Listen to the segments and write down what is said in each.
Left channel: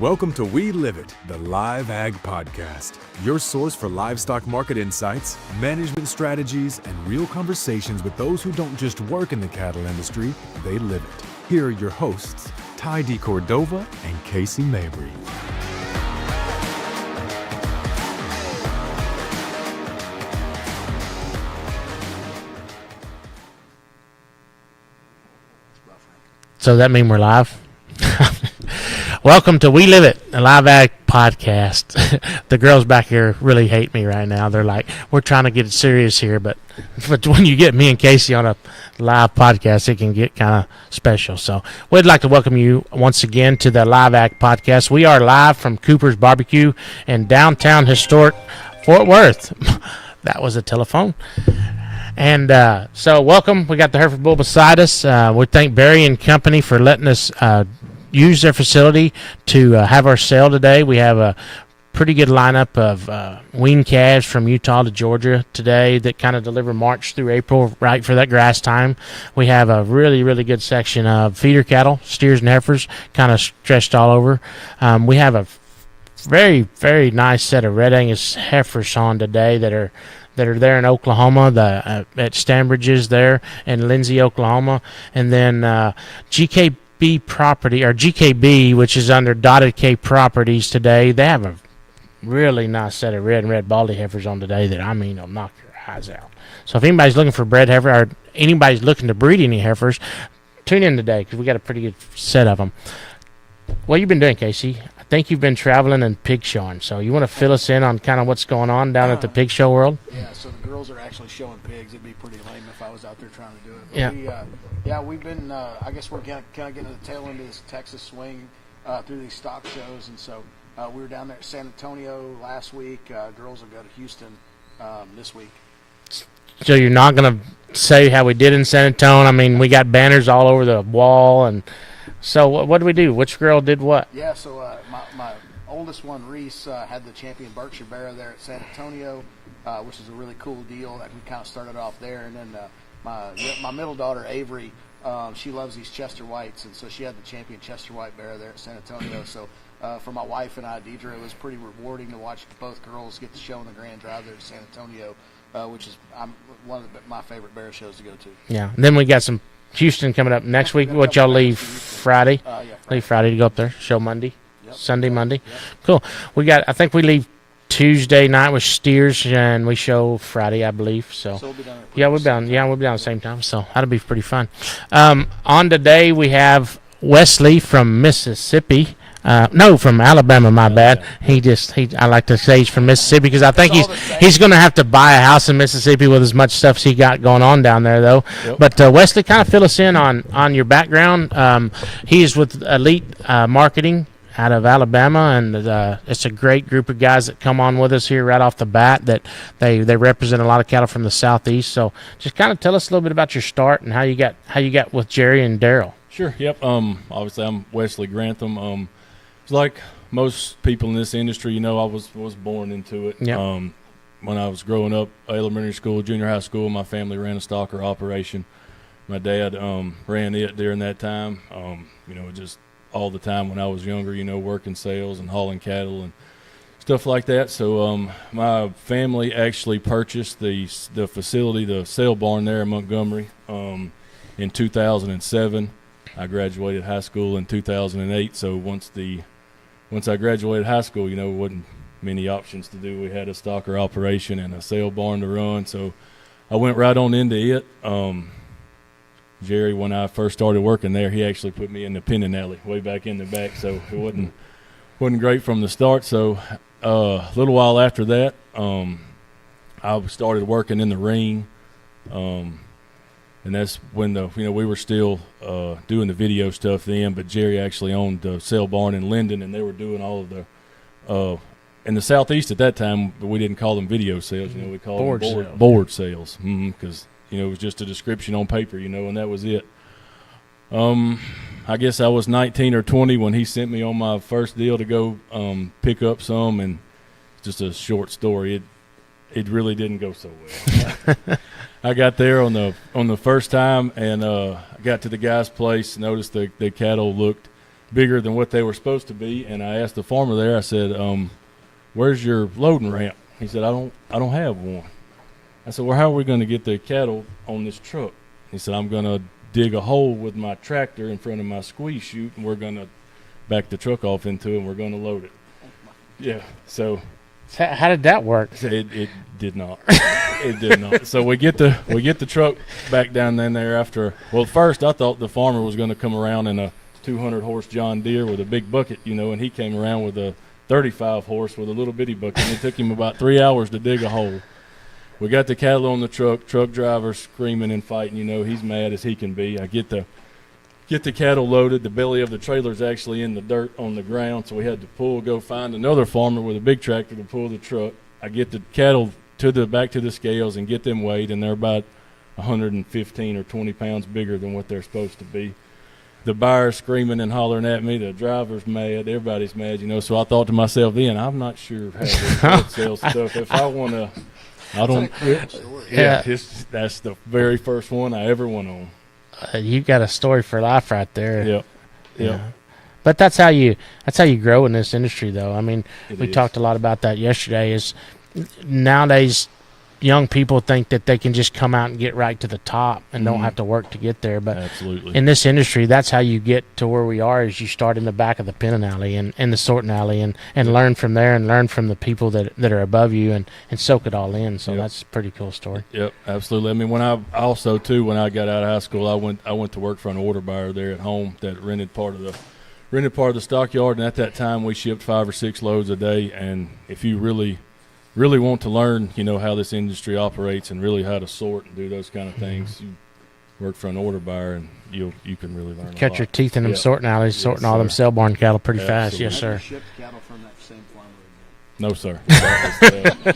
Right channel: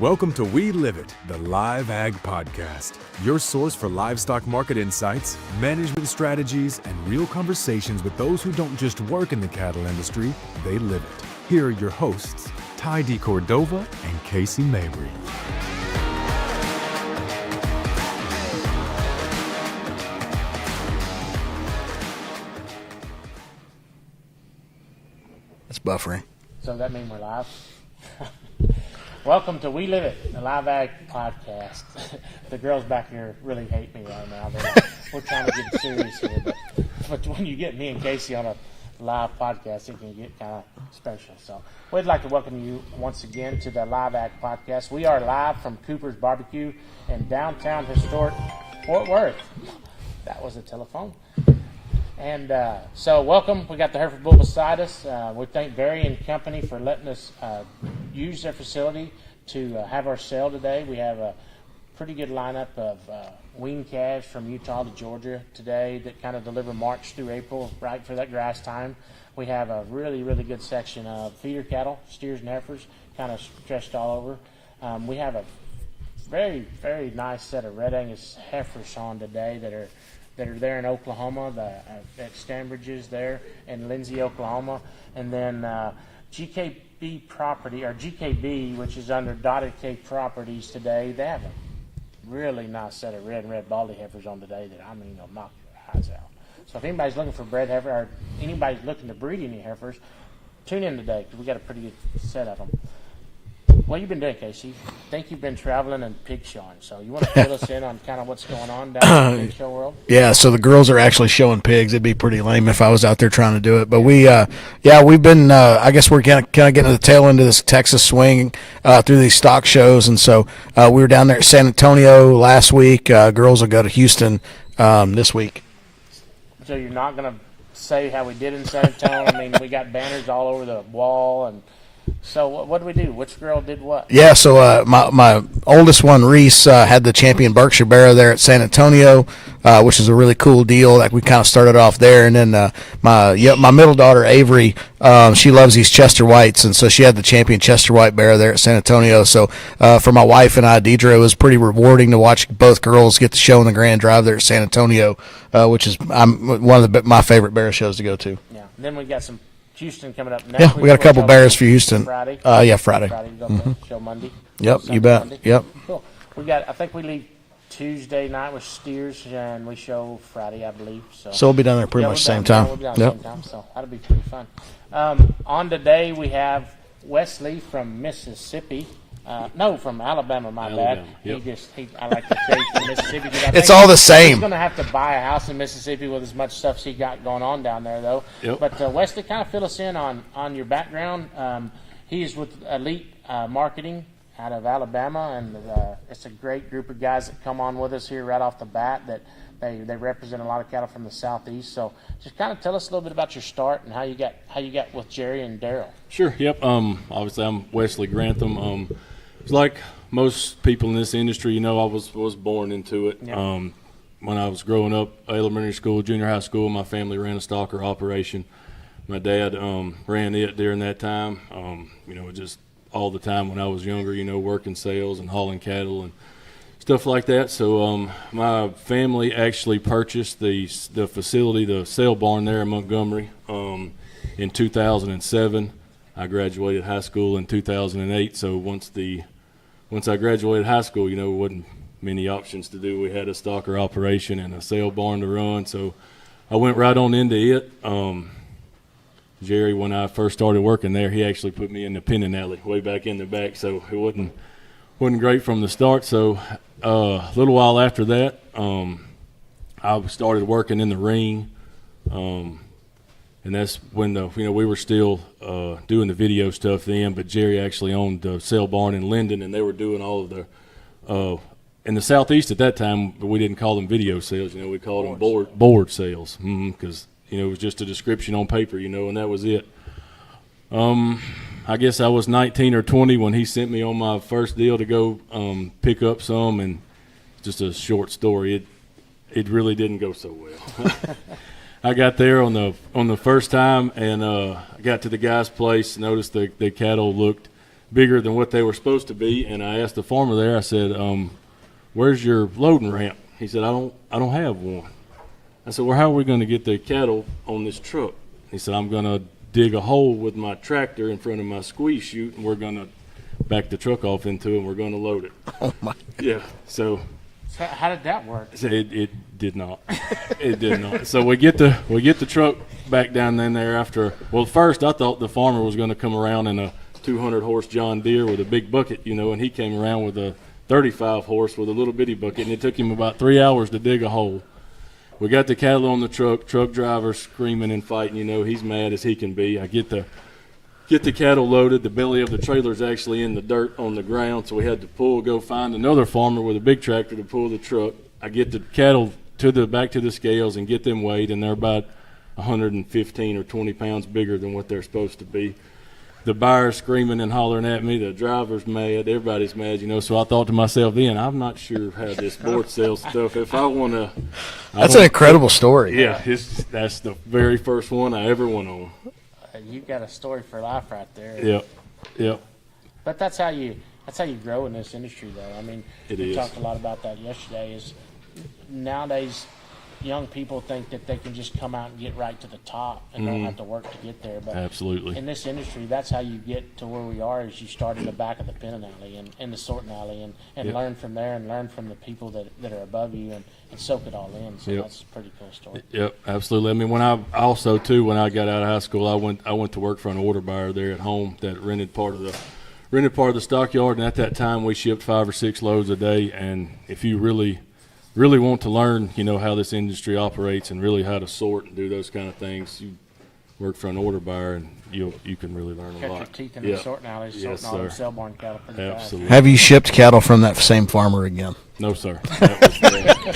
Welcome to We Live It, the LiveAg podcast, your source for livestock market insights, management strategies, and real conversations with those who don't just work in the cattle industry, they live it. Here are your hosts, deCordova and Casey Mabry. It's buffering. So that mean we're live? Welcome to We Live It, the LiveAg podcast. The girls back here really hate me right now. They're like, we're trying to get serious here, but when you get me and Casey on a live podcast, it can get kind of special. So we'd like to welcome you once again to the LiveAg podcast. We are live from Cooper's Barbecue in downtown historic Fort Worth. That was a telephone. And so welcome. We got the Hereford Bull beside us. We thank Barry and Company for letting us use their facility to have our sale today. We have a pretty good lineup of weaned calves from Utah to Georgia today that kind of deliver March through April, right for that grass time. We have a really, really good section of feeder cattle, steers and heifers, kind of stretched all over. We have a very, very nice set of Red Angus heifers on today that are there in Oklahoma, at Stanbridge's there in Lindsay, Oklahoma. And then GKB property, or GKB, which is under Dotted K Properties today. They have a really nice set of red baldy heifers on today that, I mean, will knock your eyes out. So if anybody's looking for bred heifer, or anybody's looking to breed any heifers, tune in today because we got a pretty good set of them. What you been doing, Casey? I think you've been traveling and pig showing. So you want to fill us in on kind of what's going on down at the pig show world? Yeah, so the girls are actually showing pigs. It'd be pretty lame if I was out there trying to do it. But we've been, I guess we're kind of getting to the tail end of this Texas swing through these stock shows. And so we were down there at San Antonio last week. Girls will go to Houston this week. So you're not going to say how we did in San Antonio? I mean, we got banners all over the wall. And so what did we do? Which girl did what? Yeah, so my oldest one, Reese, had the champion Berkshire Barrow there at San Antonio, which is a really cool deal. Like, we kind of started off there, and then my middle daughter, Avery, she loves these Chester Whites, and so she had the champion Chester White Barrow there at San Antonio. So for my wife and I, Deidre, it was pretty rewarding to watch both girls get the show in the Grand Drive there at San Antonio, which is one of my favorite barrow shows to go to. Yeah, and then we got some Houston coming up next week. We got a couple bears for Houston. Friday? Friday. Friday to go up there. Show Monday. Yep. Sunday, Monday. Yep. Cool. I think we leave Tuesday night with steers, and we show Friday, I believe. So we'll be down there pretty much the same time. Yeah, we'll be down the same time. So that'll be pretty fun. On today, we have Wesley from Mississippi. From Alabama, my bad. I like to say he's from Mississippi because I think it's all the same. He's going to have to buy a house in Mississippi with as much stuff as he got going on down there, though. Yep. But Wesley, kind of fill us in on your background. He is with Elite Marketing out of Alabama, and it's a great group of guys that come on with us here right off the bat. That they represent a lot of cattle from the southeast. So just kind of tell us a little bit about your start and how you got with Jerry and Daryl. Sure. Yep. Obviously, I'm Wesley Grantham. It's like most people in this industry, I was born into it. Yep. When I was growing up, elementary school, junior high school, my family ran a stocker operation. My dad ran it during that time. Just all the time when I was younger, working sales and hauling cattle and stuff like that. So my family actually purchased the facility, the sale barn there in Montgomery, in 2007. I graduated high school in 2008. So once I graduated high school, there wasn't many options to do. We had a stocker operation and a sale barn to run, so I went right on into it. Jerry, when I first started working there, he actually put me in the pinning alley way back in the back, so it wasn't great from the start. So a little while after that, I started working in the ring, and that's when we were still doing the video stuff then. But Jerry actually owned the sale barn in Linden, and they were doing all of the in the southeast at that time. We didn't call them video sales, we called them board sales, because it was just a description on paper, and that was it. I guess I was 19 or 20 when he sent me on my first deal to go pick up some, and just a short story. It really didn't go so well. I got there on the first time, and I got to the guy's place, noticed the cattle looked bigger than what they were supposed to be. And I asked the farmer there, I said, where's your loading ramp? He said, I don't have one. I said, well, how are we going to get the cattle on this truck? He said, I'm going to dig a hole with my tractor in front of my squeeze chute, and we're going to back the truck off into it, and we're going to load it. Oh, my. Yeah, so how did that work? it did not. It did not. So we get the truck back down in there after. Well, first I thought the farmer was going to come around in a 200-horse John Deere with a big bucket, and he came around with a 35-horse with a little bitty bucket, and it took him about 3 hours to dig a hole. We got the cattle on the truck driver screaming and fighting, he's mad as he can be. I get the cattle loaded. The belly of the trailer's actually in the dirt on the ground, so we had to go find another farmer with a big tractor to pull the truck. I get the cattle back to the scales and get them weighed, and they're about 115 or 20 pounds bigger than what they're supposed to be. The buyer's screaming and hollering at me. The driver's mad. Everybody's mad, So I thought to myself then, I'm not sure how this board sells stuff. If I want to, that's an incredible story. Yeah, that's the very first one I ever went on. You got a story for life right there. Yep. Yeah. But that's how you grow in this industry, though. I mean, we talked a lot about that yesterday. Is nowadays young people think that they can just come out and get right to the top and don't have to work to get there. But absolutely, in this industry, that's how you get to where we are. Is you start in the back of the pinning alley and the sorting alley and learn from there and learn from the people that are above you and soak it all in. So that's a pretty cool story. Yep, absolutely. I mean, when I got out of high school, I went to work for an order buyer there at home that rented part of the stockyard, and at that time we shipped 5 or 6 loads a day. And if you really want to learn, how this industry operates and really how to sort and do those kind of things, you work for an order buyer and you can really learn a lot. Catch your teeth in them sorting alleys, sorting all them sale barn cattle pretty fast. Yes, have you shipped cattle from that same farmer again? No, sir.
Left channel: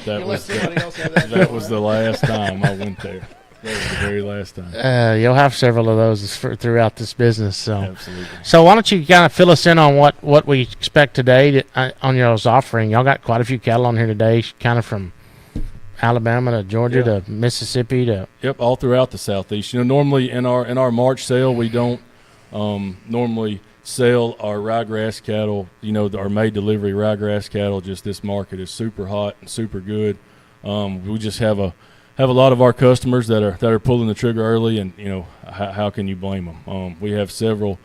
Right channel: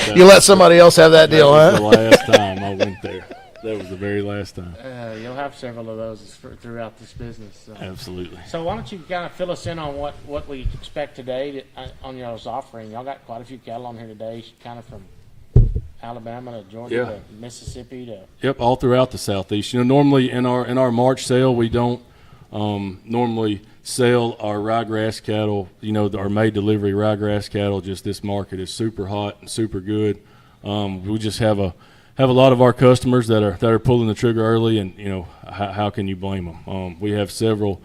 You let somebody else have that deal, That was the last time I went there. That was the very last time. You'll have several of those throughout this business. So. Absolutely. So why don't you kind of fill us in on what we expect today on y'all's offering? Y'all got quite a few cattle on here today, kind of from Alabama to Georgia to Mississippi to. Yep, all throughout the Southeast. Normally in our March sale, we don't normally sell our ryegrass cattle. Our May delivery ryegrass cattle. Just this market is super hot and super good. We just have a lot of our customers that are pulling the trigger early, and how can you blame them? We have several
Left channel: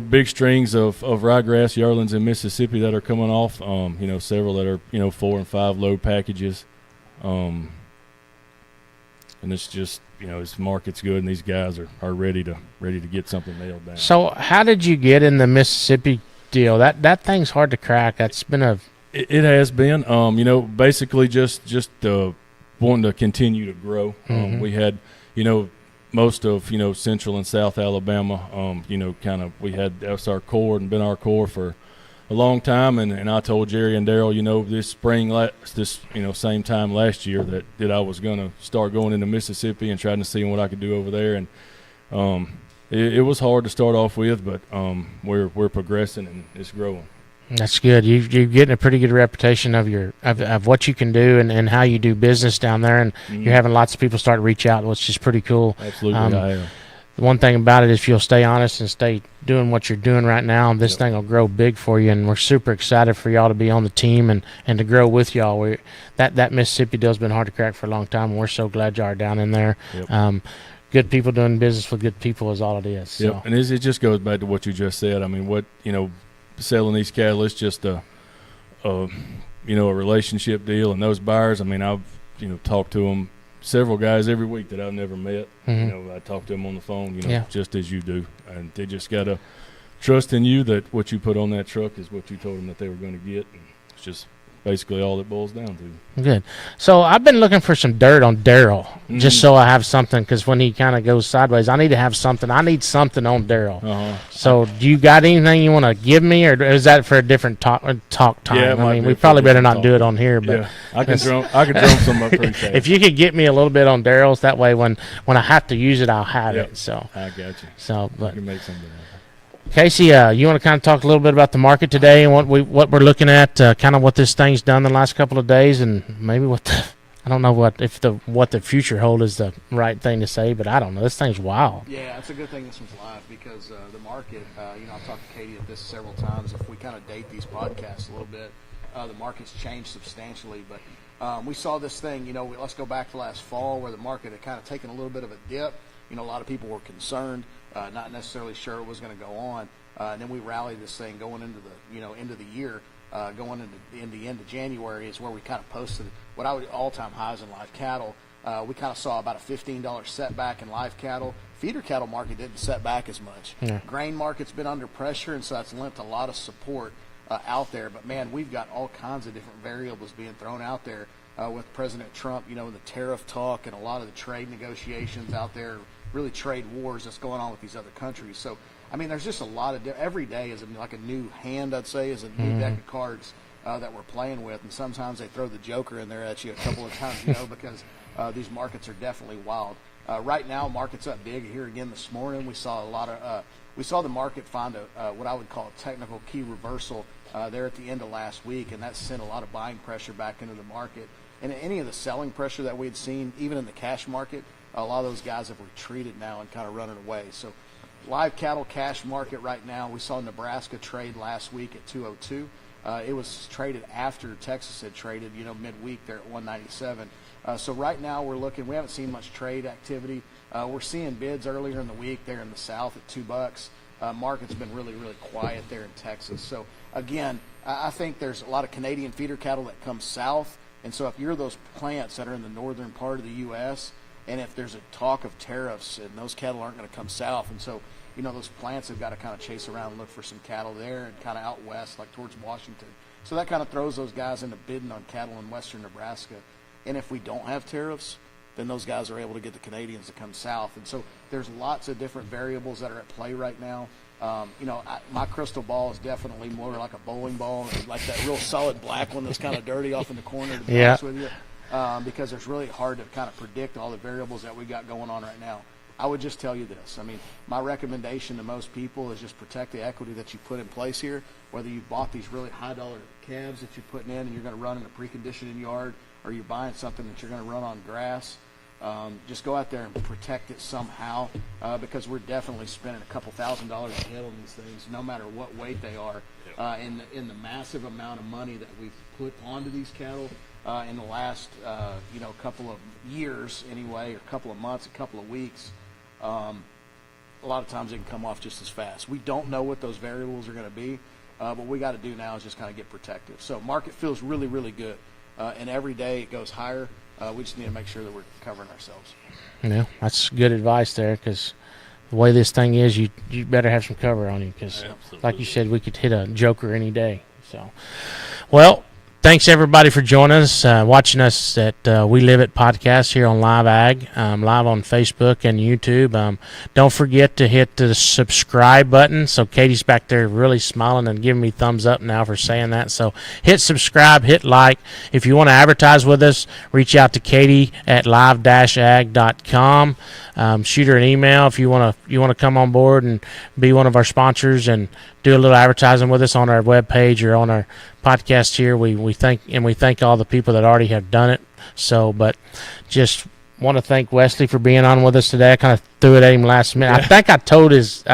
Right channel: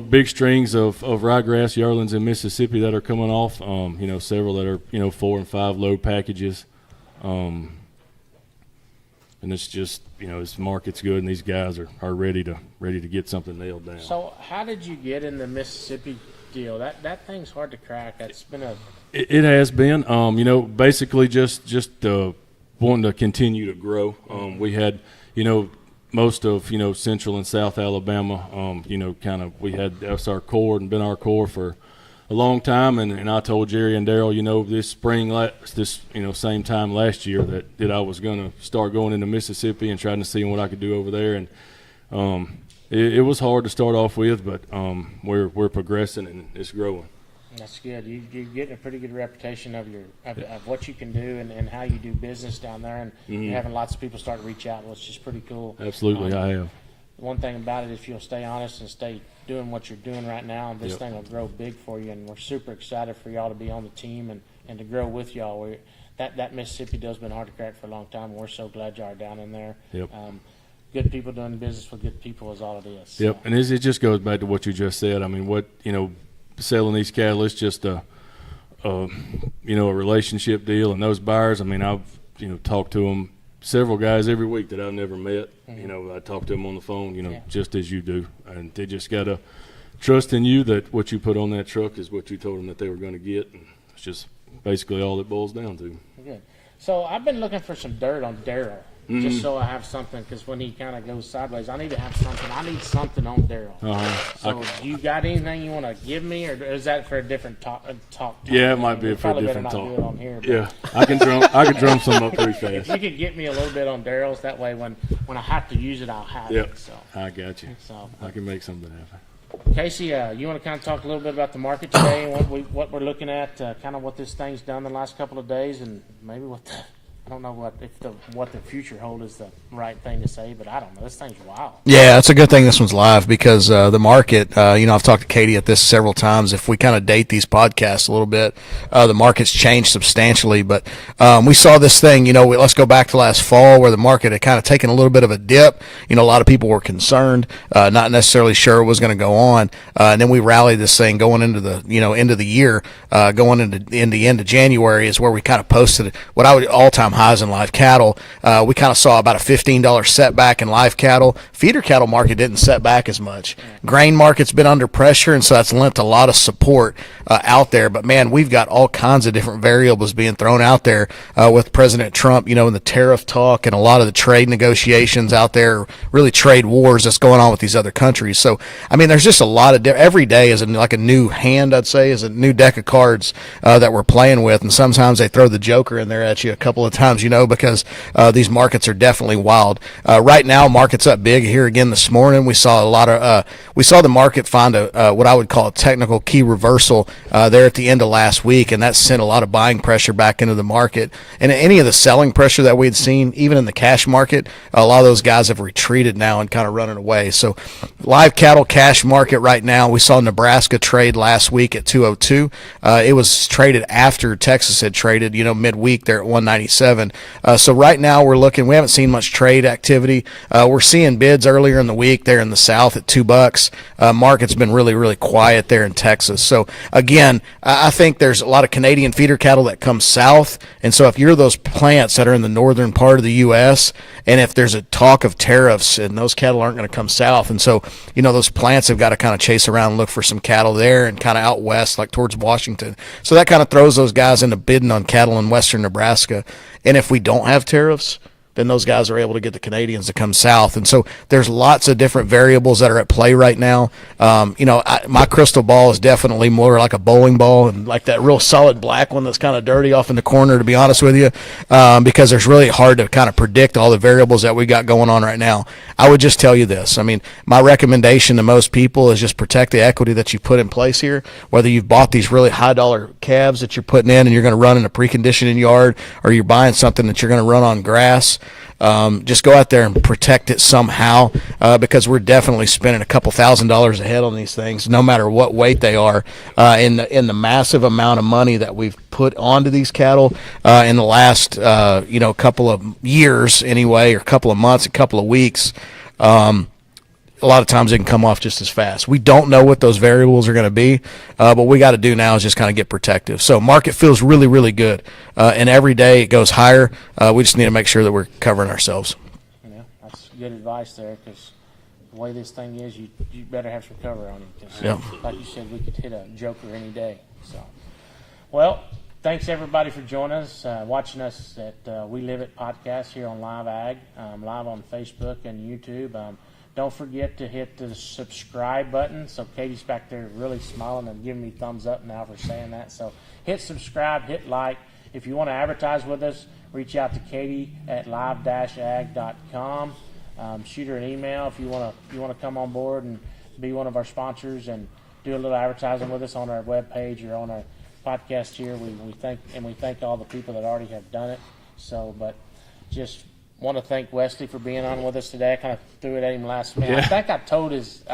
big strings of ryegrass yearlings in Mississippi that are coming off. Several that are 4 and 5 load packages, and it's just this market's good, and these guys are ready to get something nailed down. So how did you get in the Mississippi deal? That thing's hard to crack. That's been it has been. Basically just wanting to continue to grow. We had, most of, Central and South Alabama, that's our core and been our core for a long time. And I told Jerry and Daryl, this spring, same time last year that I was going to start going into Mississippi and trying to see what I could do over there. And it was hard to start off with, but we're progressing and it's growing. That's good. You're getting a pretty good reputation of what you can do and how you do business down there, and you're having lots of people start to reach out, which is pretty cool. Absolutely, I am. The one thing about it is if you'll stay honest and stay doing what you're doing right now, this thing will grow big for you, and we're super excited for y'all to be on the team and to grow with y'all. That Mississippi deal's been hard to crack for a long time, and we're so glad y'all are down in there. Yep. Good people doing business with good people is all it is. Yep, so. And it just goes back to what you just said. I mean, selling these cattle, it's just a relationship deal, and those buyers, I mean, I've talked to them, several guys every week that I've never met. I talk to them on the phone, just as you do, and they just gotta trust in you that what you put on that truck is what you told them that they were going to get, and it's just basically all it boils down to. Good. So I've been looking for some dirt on Daryl, just so I have something, because when he kind of goes sideways, I need to have something. I need something on Daryl. So do you got anything you want to give me, or is that for a different talk time? Yeah, we probably better not do it on here. But yeah, I can drum some up pretty fast. If you could get me a little bit on Daryl's, that way when I have to use it, I'll have it. So I got you. So I can make something happen. Casey, you want to kind of talk a little bit about the market today and what we're looking at, kind of what this thing's done the last couple of days, and maybe what I don't know what the future hold is the right thing to say, but I don't know. This thing's wild. Yeah, it's a good thing this one's live because the market, I've talked to Katie at this several times. If we kind of date these podcasts a little bit, the market's changed substantially. But we saw this thing, let's go back to last fall where the market had kind of taken a little bit of a dip. A lot of people were concerned, not necessarily sure it was going to go on. And then we rallied this thing going into the, end of the year, going into the end of January is where we kind of posted what I would all-time highs in live cattle. We kind of saw about a $15 setback in live cattle. Feeder cattle market didn't set back as much. Yeah. Grain market's been under pressure, and so that's lent a lot of support out there. But, man, we've got all kinds of different variables being thrown out there with President Trump, and the tariff talk and a lot of the trade negotiations out there, really trade wars that's going on with these other countries. So, there's just a lot of every day is like a new hand, I'd say, is a new deck of cards that we're playing with. And sometimes they throw the Joker in there at you a couple of times, because these markets are definitely wild. Right now, market's up big here again this morning. We saw the market find what I would call a technical key reversal there at the end of last week, and that sent a lot of buying pressure back into the market. And any of the selling pressure that we had seen, even in the cash market, a lot of those guys have retreated now and kind of running away. So live cattle cash market right now, we saw Nebraska trade last week at 202. It was traded after Texas had traded, midweek there at 197. So right now we haven't seen much trade activity. We're seeing bids earlier in the week there in the South at $2. Market's been really, really quiet there in Texas. So again, I think there's a lot of Canadian feeder cattle that come south. And so if you're those plants that are in the northern part of the U.S., and if there's a talk of tariffs, and those cattle aren't going to come south. And so, those plants have got to kind of chase around and look for some cattle there and kind of out west, like towards Washington. So that kind of throws those guys into bidding on cattle in western Nebraska. And if we don't have tariffs, then those guys are able to get the Canadians to come south. And so there's lots of different variables that are at play right now. My crystal ball is definitely more like a bowling ball and like that real solid black one that's kind of dirty off in the corner, to be honest with you, because it's really hard to kind of predict all the variables that we got going on right now. I would just tell you this. My recommendation to most people is just protect the equity that you put in place here, whether you've bought these really high-dollar calves that you're putting in and you're going to run in a preconditioning yard, or you're buying something that you're going to run on grass. Just go out there and protect it somehow, because we're definitely spending a couple $1,000s a head on these things, no matter what weight they are, in the massive amount of money that we've put onto these cattle in the last couple of years anyway, or couple of months, a couple of weeks. A lot of times they can come off just as fast. We don't know what those variables are going to be, but what we got to do now is just kind of get protective. So market feels really, really good, and every day it goes higher. We just need to make sure that we're covering ourselves. Yeah, that's good advice there, because the way this thing is, you better have some cover on you, because like you said, we could hit a Joker any day. So, well, thanks everybody for joining us, watching us at We Live It podcast here on LiveAg, live on Facebook and YouTube. Don't forget to hit the subscribe button. So Katie's back there really smiling and giving me thumbs up now for saying that. So hit subscribe, hit like. If you want to advertise with us, reach out to Katie at live-ag.com. Shoot her an email if you want to come on board and be one of our sponsors and do a little advertising with us on our webpage or on our podcast here. We thank all the people that already have done it. So, but just want to thank Wesley for being on with us today. I kind of threw it at him last minute. Yeah. I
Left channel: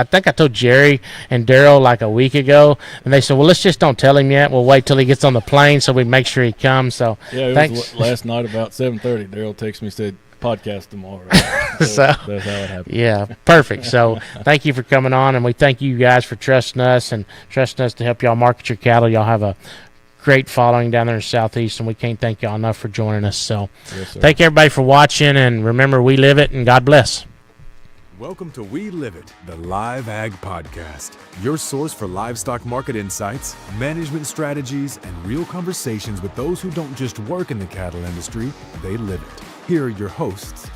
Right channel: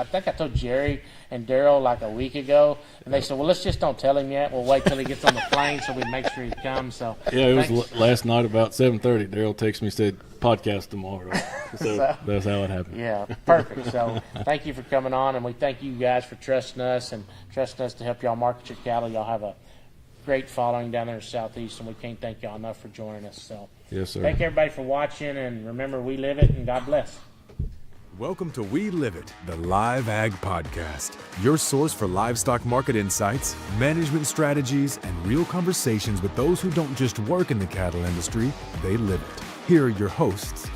think I told Jerry and Daryl like a week ago, and they said, "Well, let's just don't tell him yet. We'll wait till he gets on the plane so we make sure he comes." So yeah, it was last night about 7:30. Daryl texted me, said podcast tomorrow. So that's how it happened. Yeah, perfect. So thank you for coming on, and we thank you guys for trusting us to help y'all market your cattle. Y'all have a great following down there in the Southeast, and we can't thank y'all enough for joining us. So yes, sir. Thank everybody for watching, and remember, we live it, and God bless. Welcome to We Live It, the Live Ag Podcast, your source for livestock market insights, management strategies, and real conversations with those who don't just work in the cattle industry, they live it. Here are your hosts,